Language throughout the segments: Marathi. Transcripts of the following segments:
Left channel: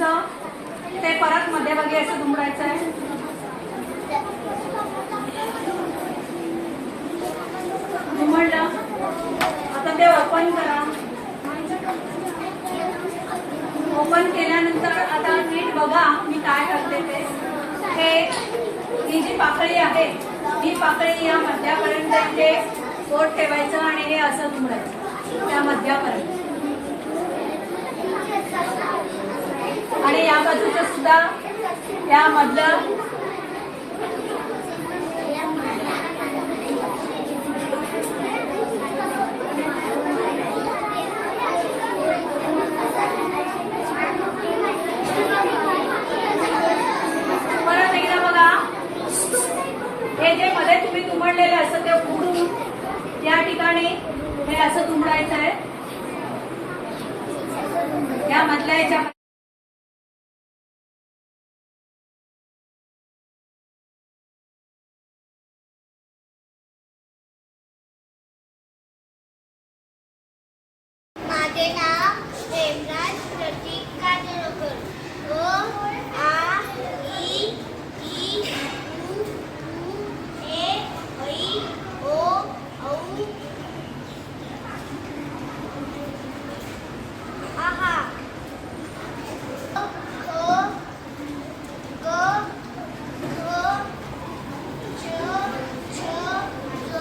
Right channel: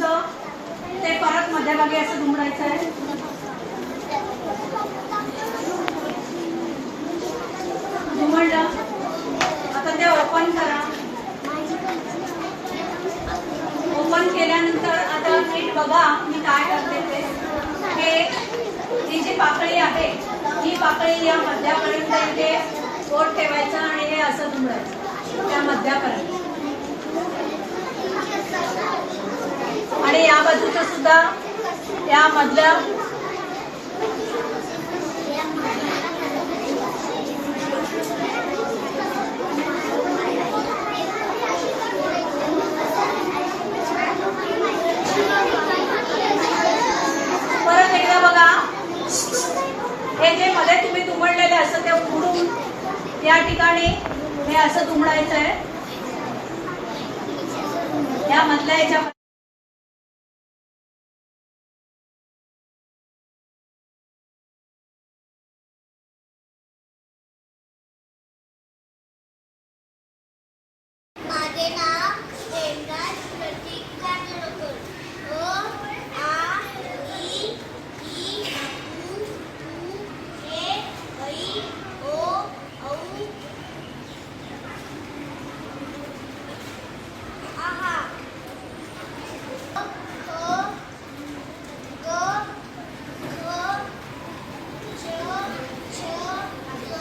तुमचं ते परत मध्यभागी असं दुमडायचं आहे. दुमडलं. आता ते ओपन करा. ओपन केल्यानंतर आता नीट बघा मी काय करते ते. ही जी पाकळी आहे ही पाकळी या मध्यापर्यंत इथे बोट ठेवायचं आणि हे असं दुमडायचं त्या मध्यापर्यंत. आणि या बाजूचं सुद्धा या मधल्या परत एकदा बघा. हे जे मध्ये तुम्ही दुमडलेलं असं ते उघडून या ठिकाणी हे असं दुमडायचं आहे. या मधल्या याच्या माझे नाव हेमराज प्रतीक काजोळकर. ओ आ ई ई उ ऊ ए ऐ ओ औ आहा ओ ग घ च छ ग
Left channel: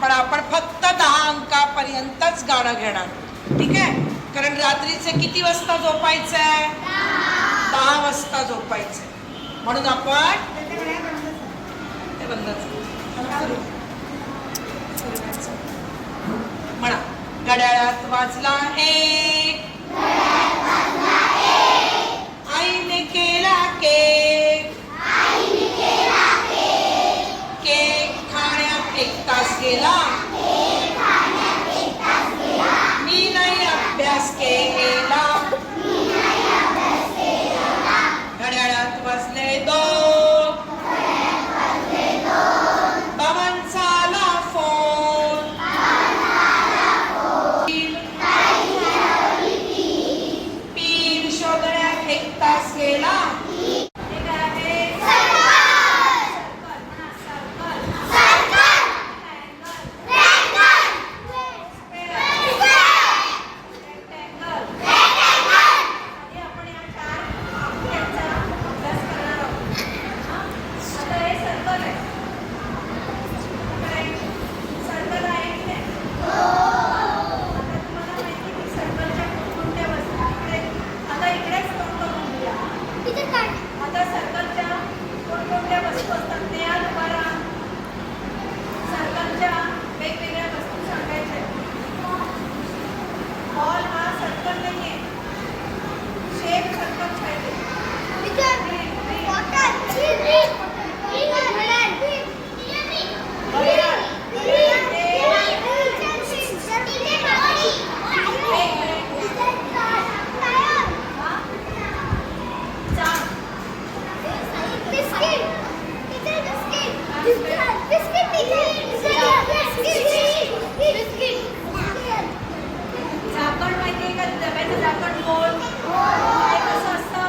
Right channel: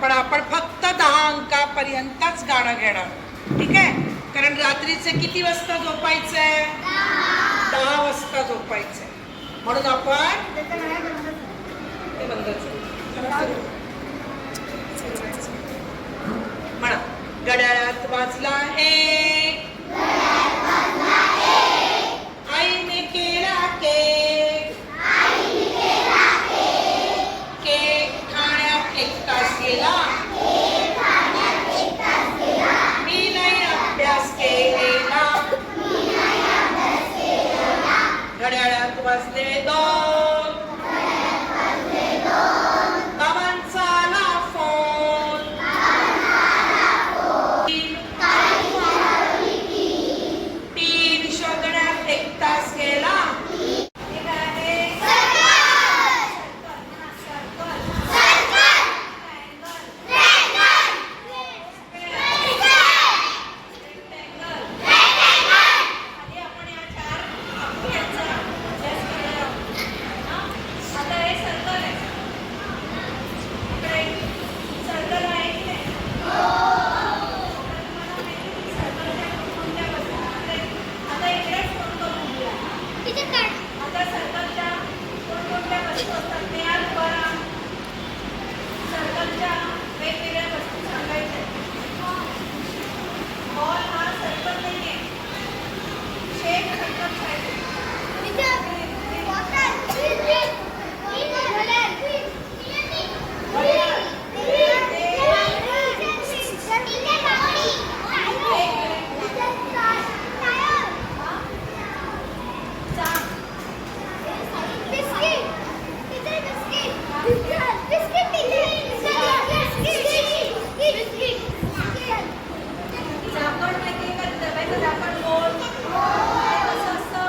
पण आपण फक्त 10 अंकापर्यंतच गाणं घेणार. ठीक आहे. कारण रात्रीचे किती वाजता झोपायचंय? 10 वाजता झोपायचंय. म्हणून आपण ते बंदच म्हणा. घड्याळात वाजला एक, आईने केला केक, केक खाण्यात 1 तास गेला, मी नाही अभ्यास केला. घड्याळात वाजले 2, बाबांचा आला फोन, 3 शोधण्यात 1 तास गेला. आता सर्कलच्या कोणकोणत्या वस्तू असतात ते आज बघा. सर्कलच्या वेगवेगळ्या वस्तू सांगायच्या. बॉल हा सर्कल नाहीये, शेप सर्कल पाहिजे. झाकण माहितीये का? डब्याचं झाकण गोल कसं असतं?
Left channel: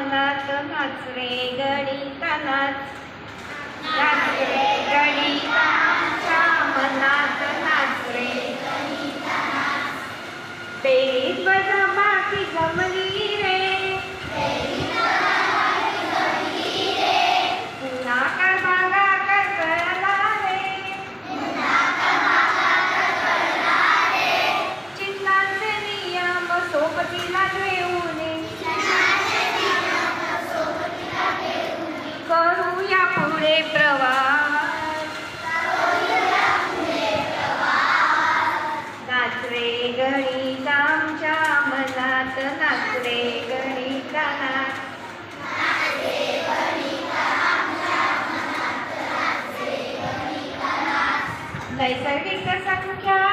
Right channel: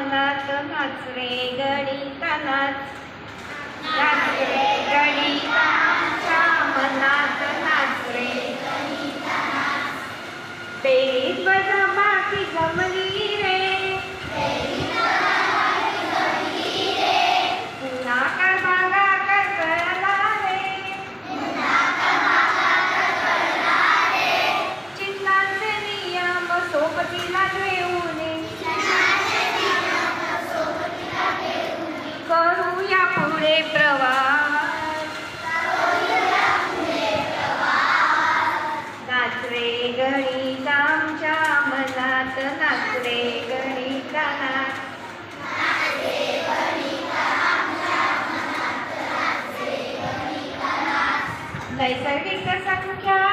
मनात नाच रे गणिता नाच. नाच रे गणिता आमच्या मनात नाच रे. बेरीज वजाबाकी जमली रे. गुणाकार भागाकार कळला रे. चिन्हांचे नियम सोबतीला घेऊन करूया पुढे प्रवास. नाच रे गणिता आमच्या मनात नाच रे गणिता नाच. नैसर्गिक संख्या